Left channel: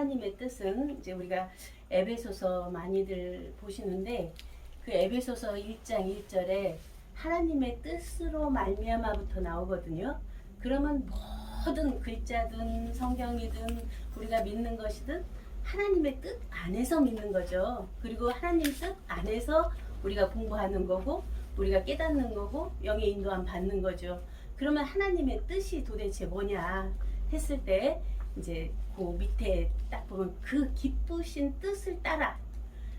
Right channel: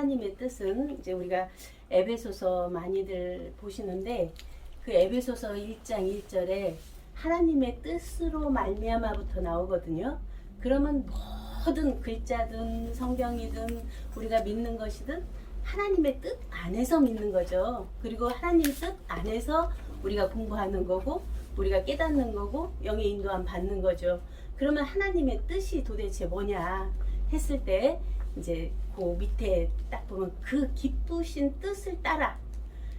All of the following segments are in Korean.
하나님의 뜻은 이제 우리가 에베소서 많이들 보시는데 그 에베소서 1장 1절에 하나님의 뜻으로 말미암아부터 나오거든요. 그러면 모든 글자든 성경이든 우리가 믿는 것이든 하나님의 뜻 안에서 믿는 거죠. 그리고 하나님 뜻 안에서 우리가 공부하는 거고 우리가 깨닫는 거고 영의 인도함 받는 거죠. 그러면 하나님의 뜻이 도대체 뭐냐 했을 때 이제 그 밑에 딱 보면 그 기쁘신 뜻을 따라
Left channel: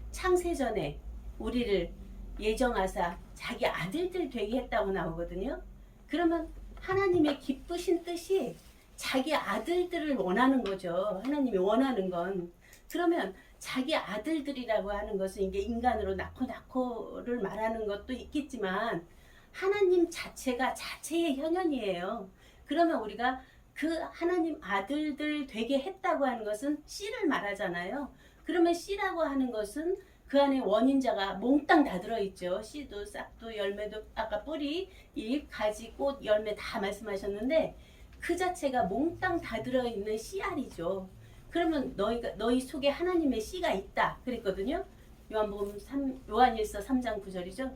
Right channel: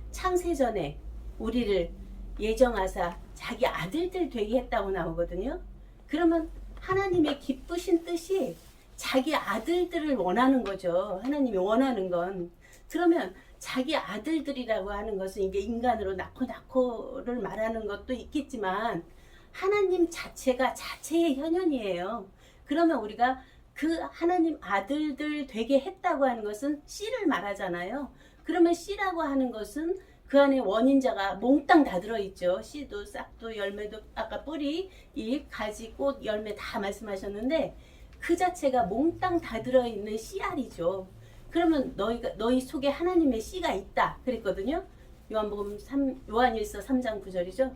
창세전에 우리를 예정하사 자기 아들들 되게 했다고 나오거든요. 그러면 하나님의 기쁘신 뜻이 자기 아들들을 원하는 거죠. 하나님이 원하는 건. 그러면 자기 아들들이라고 하는 것은 이게 인간으로 낳고 낳고를 말하는 것도 있겠지만 하나님 자체가 자체의 현현이에요. 그러면 우리가 그 하나님 아들들 되게 했다고 하는 것은 씨를 말하잖아요. 그러면 씨라고 하는 것은 그 안에 원인자가 몽땅 다 들어있죠. 씨도 싹도 열매도 아까 뿌리, 잎, 가지, 꽃, 열매 다 말씀하셨는데 그 자체가 몽땅 다 들어있는 씨알이죠. 그러면 너희가 너희 속에 하나님의 씨가 있다 그랬거든요. 요한복음 3 요한일서 3장 9절이죠.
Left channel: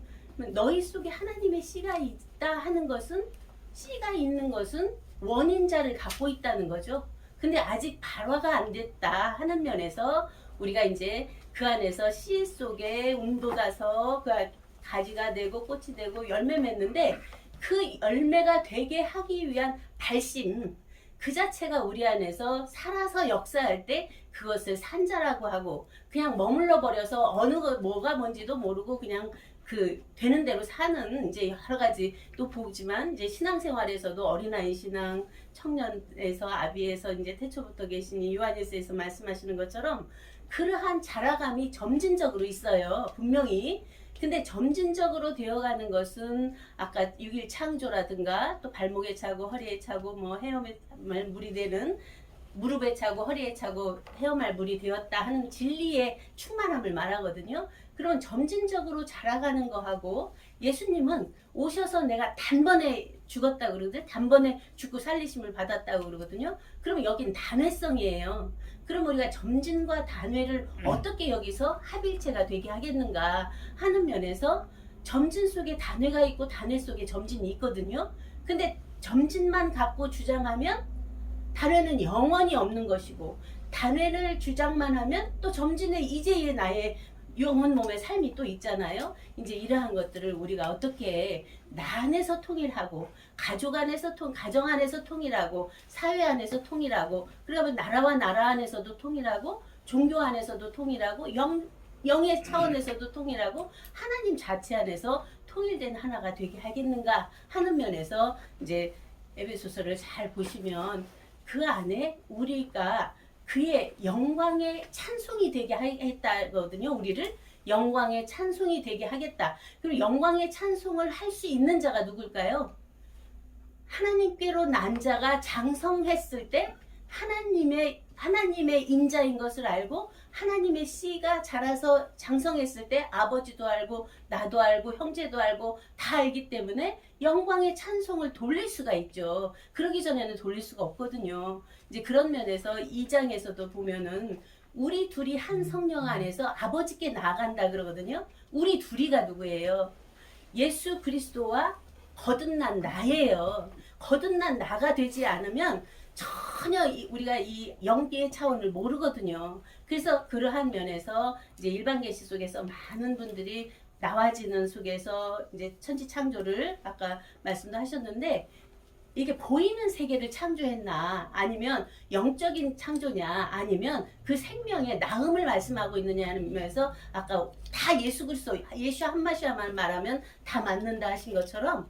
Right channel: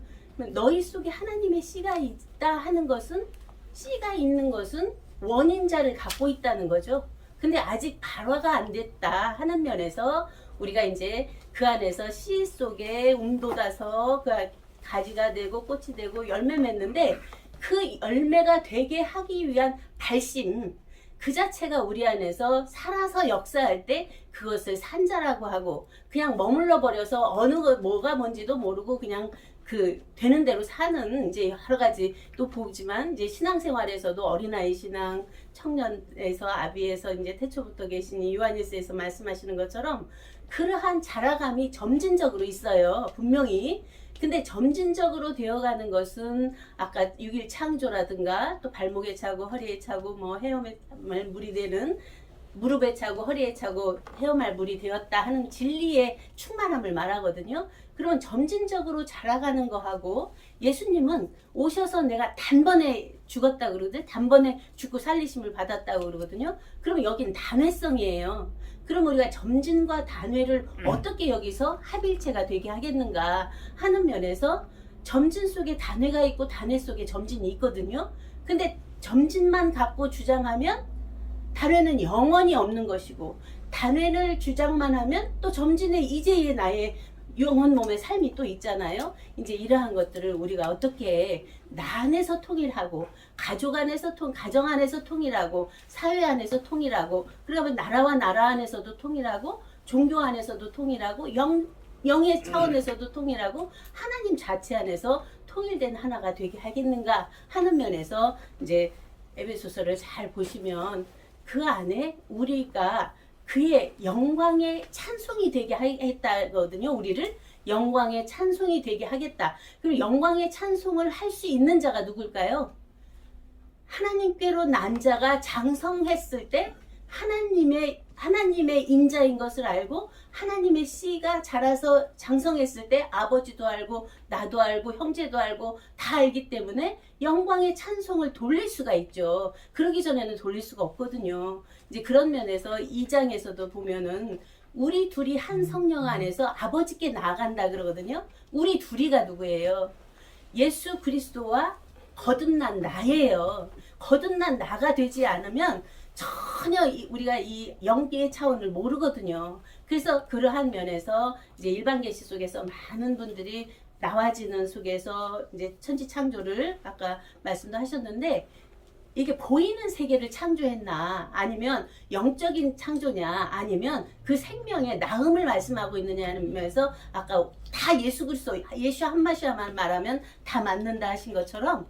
너희 속에 하나님의 씨가 있다 하는 것은 씨가 있는 것은 원인자를 갖고 있다는 거죠. 근데 아직 발화가 안 됐다 하는 면에서 우리가 이제 그 안에서 씨 속에 움돋아서 그 가지가 되고 꽃이 되고 열매 맺는데 그 열매가 되게 하기 위한 발심 그 자체가 우리 안에서 살아서 역사할 때 그것을 산자라고 하고 그냥 머물러 버려서 어느 거 뭐가 뭔지도 모르고 그냥 그 되는 대로 사는 이제 여러 가지 또 보지만 이제 신앙생활에서도 어린아이 신앙 청년에서 아비에서 이제 태초부터 계신 이 요한일서에서 말씀하시는 것처럼 그러한 자라감이 점진적으로 있어요 분명히 근데 점진적으로 되어가는 것은 아까 6일 창조라든가 또 발목에 차고 허리에 차고 뭐 헤엄에 물이 되는 무릎에 차고 허리에 차고 헤엄할 물이 되었다 하는 진리의 충만함을 말하거든요. 그러면 점진적으로 자라가는 거하고 예수님은 오셔서 내가 단번에 죽었다 그러거든 단번에 죽고 살리심을 받았다고 그러거든요. 그러면 여긴 단회성이에요. 그럼 우리가 점진과 단회를 음. 어떻게 여기서 합일체가 되게 하겠는가 하는 면에서 점진 속에 단회가 있고 단회 속에 점진이 있거든요. 근데 점진만 갖고 주장하면 단회는 영원히 없는 것이고 단회를 주장만 하면 또 점진의 이제의 나의 영혼 몸의 삶이 또 있잖아요. 이제 이러한 것들을 우리가 어떻게 나 안에서 통일하고 가족 안에서 통 가정 안에서 통일하고 사회 안에서 통일하고 그러면 나라와 나라 안에서도 통일하고 종교 안에서도 통일하고 영 영의 차원에서도 통일하고 하나님 자체 안에서 통일된 하나가 되게 하겠는가 하는 면에서 이제 에베소서를 잘 보시면 그 안에 우리가 그의 영광의 찬송이 되게 했다거든요. 우리를 영광의 찬송이 되게 하겠다. 그리고 영광의 찬송을 할 수 있는 자가 누굴까요? 하나님께로 난 자가 장성했을 때 하나님의 하나님의 인자인 것을 알고 하나님의 씨가 자라서 장성했을 때 아버지도 알고 나도 알고 형제도 알고 다 알기 때문에 영광의 찬송을 돌릴 수가 있죠. 그러기 전에는 돌릴 수가 없거든요. 이제 그런 면에서 이 장에서도 보면은 우리 둘이 한 성령 안에서 아버지께 나아간다 그러거든요. 우리 둘이가 누구예요? 예수 그리스도와 거듭난 나예요. 거듭난 나가 되지 않으면 전혀 이- 우리가 이 영계의 차원을 모르거든요. 그래서 그러한 면에서 이제 일반 계시 속에서 많은 분들이 나와지는 속에서 이제 천지 창조를 아까 말씀도 하셨는데 이게 보이는 세계를 창조했나 아니면 영적인 창조냐 아니면 그 생명의 나음을 말씀하고 있느냐는 면에서 아까 다 예수 그리스도 예수 한 마디만 말하면 다 맞는다 하신 것처럼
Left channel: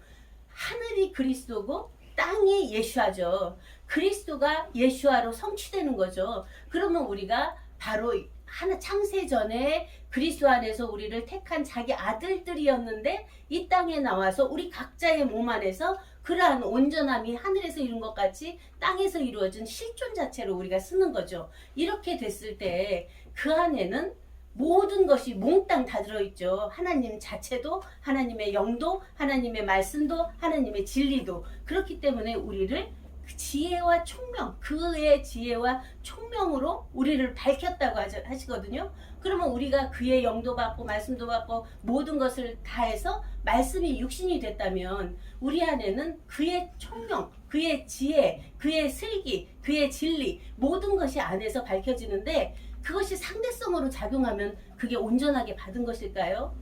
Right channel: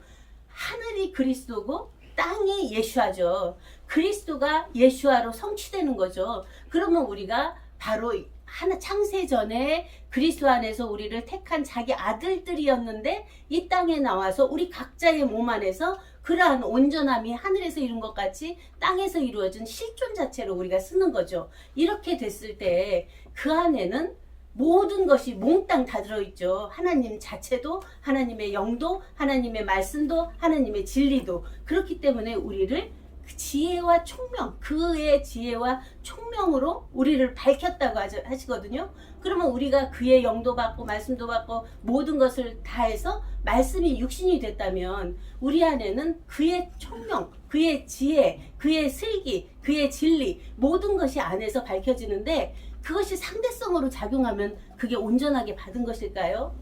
하늘이 그리스도고 땅이 예수하죠. 그리스도가 예수아로 성취되는 거죠. 그러면 우리가 바로 하나 창세 전에 그리스도 안에서 우리를 택한 자기 아들들이었는데 이 땅에 나와서 우리 각자의 몸 안에서 그러한 온전함이 하늘에서 이룬 것 같이 땅에서 이루어진 실존 자체로 우리가 쓰는 거죠. 이렇게 됐을 때 그 안에는 모든 것이 몽땅 다 들어있죠. 하나님 자체도, 하나님의 영도, 하나님의 말씀도, 하나님의 진리도. 그렇기 때문에 우리를 그 지혜와 총명, 그의 지혜와 총명으로 우리를 밝혔다고 하시거든요. 그러면 우리가 그의 영도 받고 말씀도 받고 모든 것을 다해서 말씀이 육신이 됐다면 우리 안에는 그의 총명, 그의 지혜, 그의 슬기, 그의 진리 모든 것이 안에서 밝혀지는데 그것이 상대성으로 작용하면 그게 온전하게 받은 것일까요?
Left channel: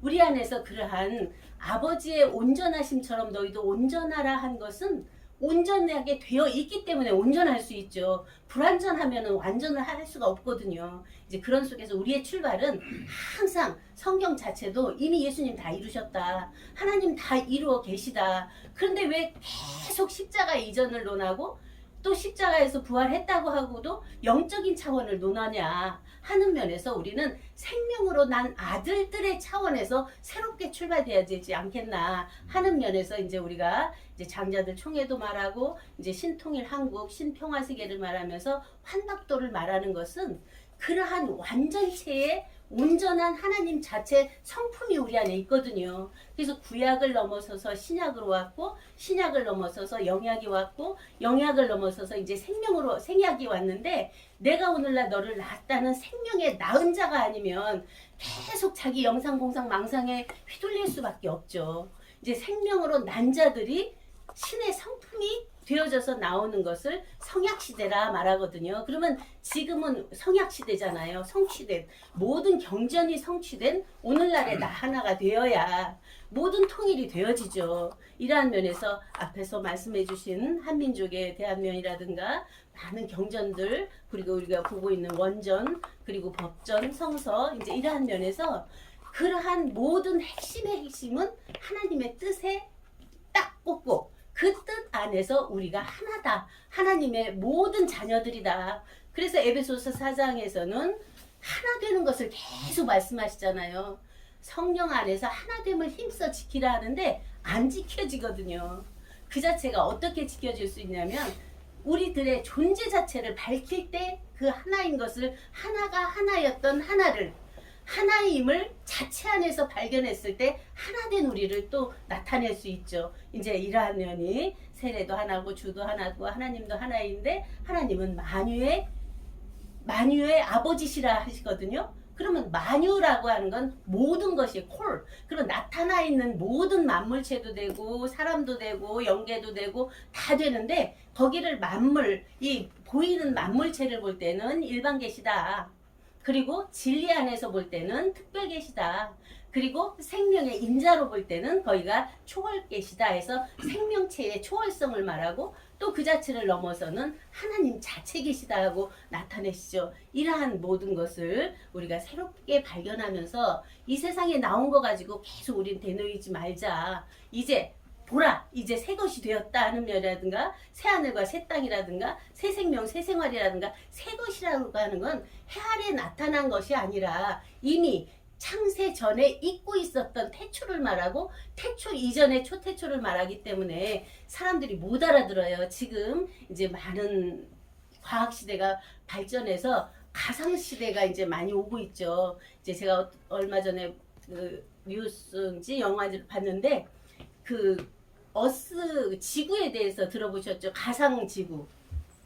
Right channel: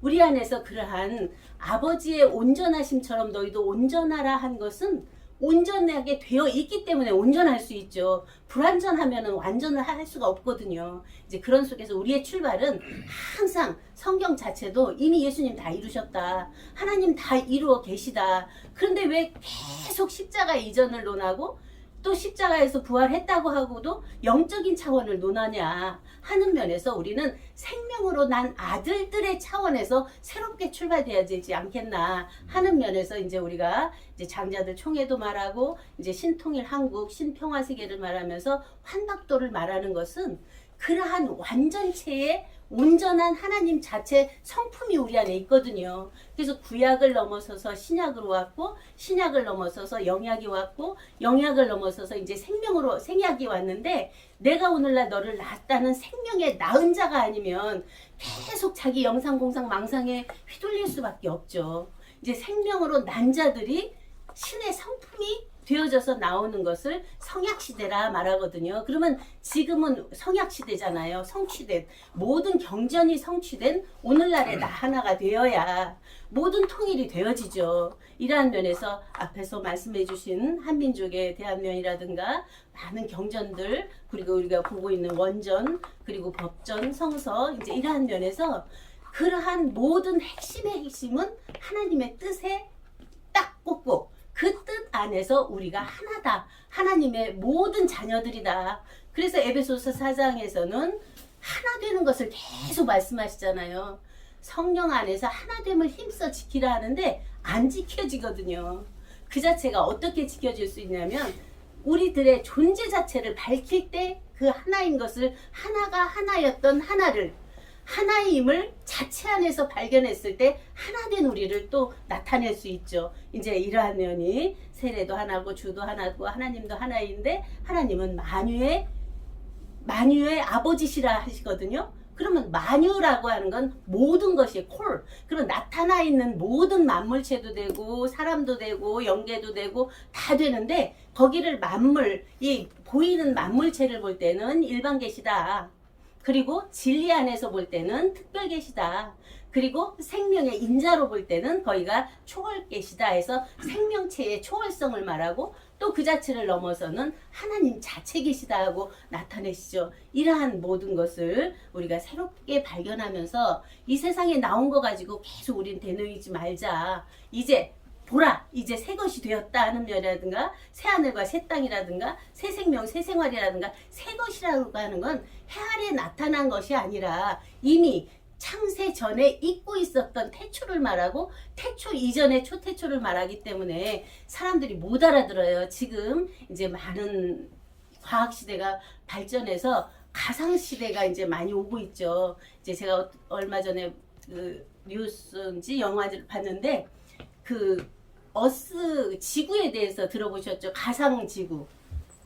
우리 안에서 그러한 아버지의 온전하심처럼 너희도 온전하라 한 것은 온전하게 되어 있기 때문에 온전할 수 있죠. 불완전하면 완전을 할 수가 없거든요. 이제 그런 속에서 우리의 출발은 항상 성경 자체도 이미 예수님 다 이루셨다. 하나님 다 이루어 계시다. 그런데 왜 계속 십자가 이전을 논하고 또 십자가에서 부활했다고 하고도 영적인 차원을 논하냐 하는 면에서 우리는 생명으로 난 아들들의 차원에서 새롭게 출발돼야 되지 않겠나 하는 면에서 이제 우리가 이제 장자들 총회도 말하고 이제 신통일 한국 신평화 세계를 말하면서 환박도를 말하는 것은 그러한 완전체의 온전한 하나님 자체 성품이 우리 안에 있거든요. 그래서 구약을 넘어서서 신약으로 왔고 신약을 넘어서서 영약이 왔고 영약을 넘어서서 이제 생명으로 생약이 왔는데 내가 오늘날 너를 낳았다는 생명의 낳은 자가 아니면 계속 자기 영상 공상 망상에 휘둘릴 수밖에 없죠. 이제 생명으로 난 자들이 신의 성품이 되어져서 나오는 것을 성약 시대라 말하거든요. 그러면 지금은 성약 시대잖아요. 성취된 모든 경전이 성취된 오늘날의 나 하나가 되어야 모든 통일이 되어지죠. 이러한 면에서 앞에서 말씀해 주신 한민족에 대한 면이라든가 많은 경전들 그리고 우리가 보고 있는 원전 그리고 법전 성서 이제 이러한 면에서 그러한 모든 핵심의 핵심은 하나님의 뜻에 딱 꽂고 그 뜻 안에서 우리가 하나다. 하나님의 모든 자녀들이다. 그래서 에베소서 4장에서는 하나 되는 것을 계속 말씀하시잖아요. 성령 안에서 하나됨을 힘써 지키라 하는데 안 지켜지거든요. 그 자체가 어떻게 지켜질 수 있냐면 우리들의 존재 자체를 밝힐 때 그 하나인 것을 하나가 하나였던 하나를 하나임을 자체 안에서 발견했을 때 하나된 우리를 또 나타낼 수 있죠. 이제 이러한 면이 세례도 하나고 주도 하나고 하나님도 하나인데 하나님은 만유의 만유의 아버지시라 하시거든요. 그러면 만유라고 하는 건 모든 것이 콜. 그럼 나타나 있는 모든 만물체도 되고 사람도 되고 영계도 되고 다 되는데 거기를 만물 이 보이는 만물체를 볼 때는 일반 계시다. 그리고 진리 안에서 볼 때는 특별 계시다. 그리고 생명의 인자로 볼 때는 거기가 초월 계시다 해서 생명체의 초월성을 말하고 또 그 자체를 넘어서는 하나님 자체 계시다 하고 나타내시죠. 이러한 모든 것을 우리가 새롭게 발견하면서 이 세상에 나온 거 가지고 계속 우리는 되뇌이지 말자. 이제 보라 이제 새 것이 되었다 하는 면이라든가 새 하늘과 새 땅이라든가 새 생명 새 생활이라든가 새 것이라고 하는 건 해 아래 나타난 것이 아니라 이미 창세 전에 잊고 있었던 태초를 말하고 태초 이전의 초태초를 말하기 때문에 사람들이 못 알아들어요. 지금 이제 많은 과학 시대가 발전해서 가상 시대가 이제 많이 오고 있죠. 이제 제가 어- 얼마 전에 그 뉴스인지 영화를 봤는데 그 어스 지구에 대해서 들어보셨죠? 가상 지구.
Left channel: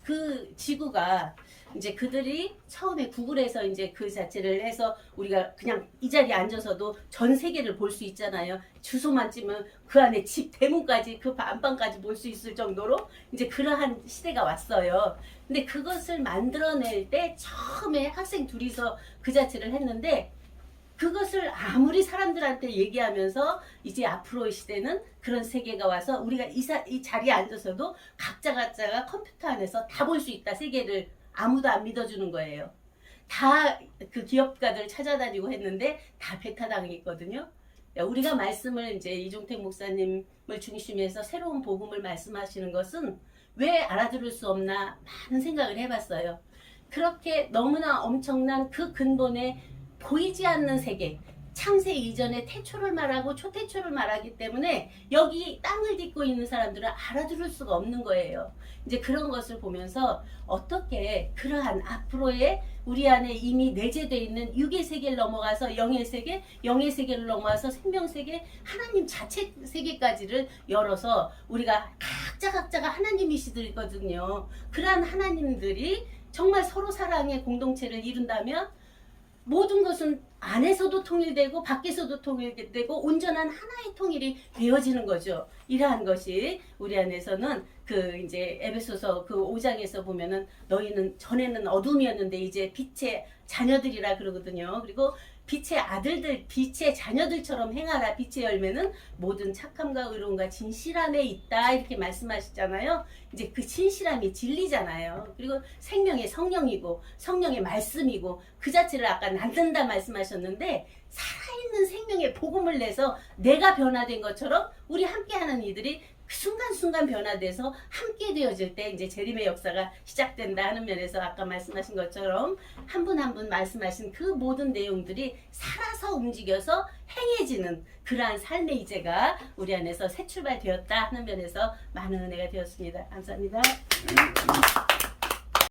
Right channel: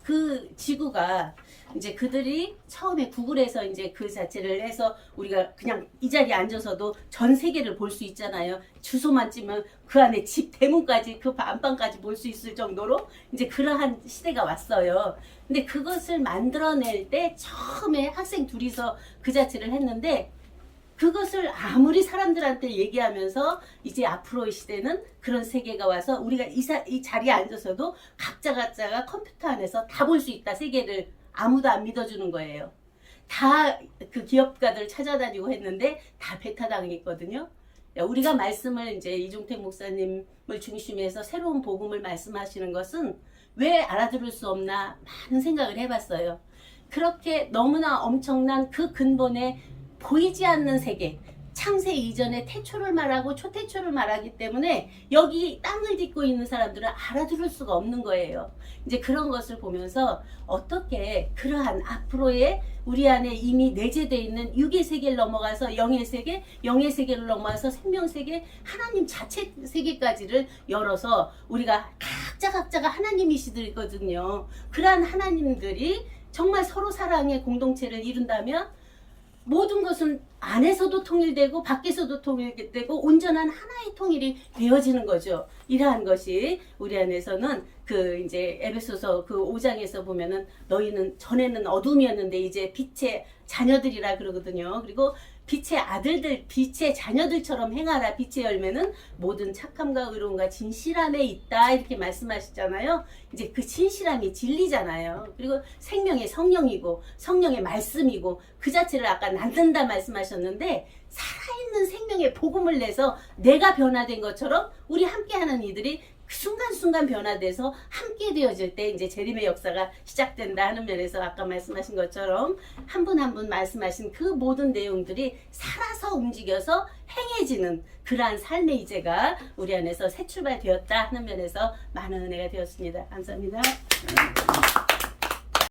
그 지구가 이제 그들이 처음에 구글에서 이제 그 자체를 해서 우리가 그냥 이 자리에 앉아서도 전 세계를 볼 수 있잖아요. 주소만 찌면 그 안에 집 대문까지 그 안방까지 볼 수 있을 정도로 이제 그러한 시대가 왔어요. 근데 그것을 만들어낼 때 처음에 학생 둘이서 그 자체를 했는데 그것을 아무리 사람들한테 얘기하면서 이제 앞으로의 시대는 그런 세계가 와서 우리가 이, 사, 이 자리에 앉아서도 각자 각자가 컴퓨터 안에서 다 볼 수 있다 세계를 아무도 안 믿어주는 거예요. 다 그 기업가들 찾아다니고 했는데 다 배타당했거든요. 야, 우리가 말씀을 이제 이종택 목사님을 중심으로 해서 새로운 복음을 말씀하시는 것은 왜 알아들을 수 없나 많은 생각을 해봤어요. 그렇게 너무나 엄청난 그 근본에 보이지 않는 세계, 창세 이전에 태초를 말하고 초태초를 말하기 때문에 여기 땅을 딛고 있는 사람들은 알아들을 수가 없는 거예요. 이제 그런 것을 보면서 어떻게 그러한 앞으로의 우리 안에 이미 내재되어 있는 육의 세계를 넘어가서 영의 세계, 영의 세계를 넘어가서 생명 세계, 하나님 자체 세계까지를 열어서 우리가 각자 각자가 하나님이시거든요. 그러한 하나님들이 정말 서로 사랑의 공동체를 이룬다면 모든 것은 안에서도 통일되고 밖에서도 통일되고 온전한 하나의 통일이 되어지는 거죠. 이러한 것이 우리 안에서는 그 이제 에베소서 그 5장에서 보면은 너희는 전에는 어둠이었는데 이제 빛의 자녀들이라 그러거든요. 그리고 빛의 아들들, 빛의 자녀들처럼 행하라. 빛의 열매는 모든 착함과 의로움과 진실함에 있다. 이렇게 말씀하시잖아요. 이제 그 진실함이 진리잖아요. 그리고 생명의 성령이고 성령의 말씀이고 그 자체를 아까 낳는다 말씀하셨는데 살아있는 생명의 복음을 내서 내가 변화된 것처럼 우리 함께하는 이들이 그 순간순간 변화돼서 함께 되어질 때 이제 재림의 역사가 시작된다 하는 면에서 아까 말씀하신 것처럼 한분 한 분 말씀하신 그 모든 내용들이 살아서 움직여서 행해지는 그러한 삶의 이제가 우리 안에서 새 출발되었다 하는 면에서 많은 은혜가 되었습니다. 감사합니다.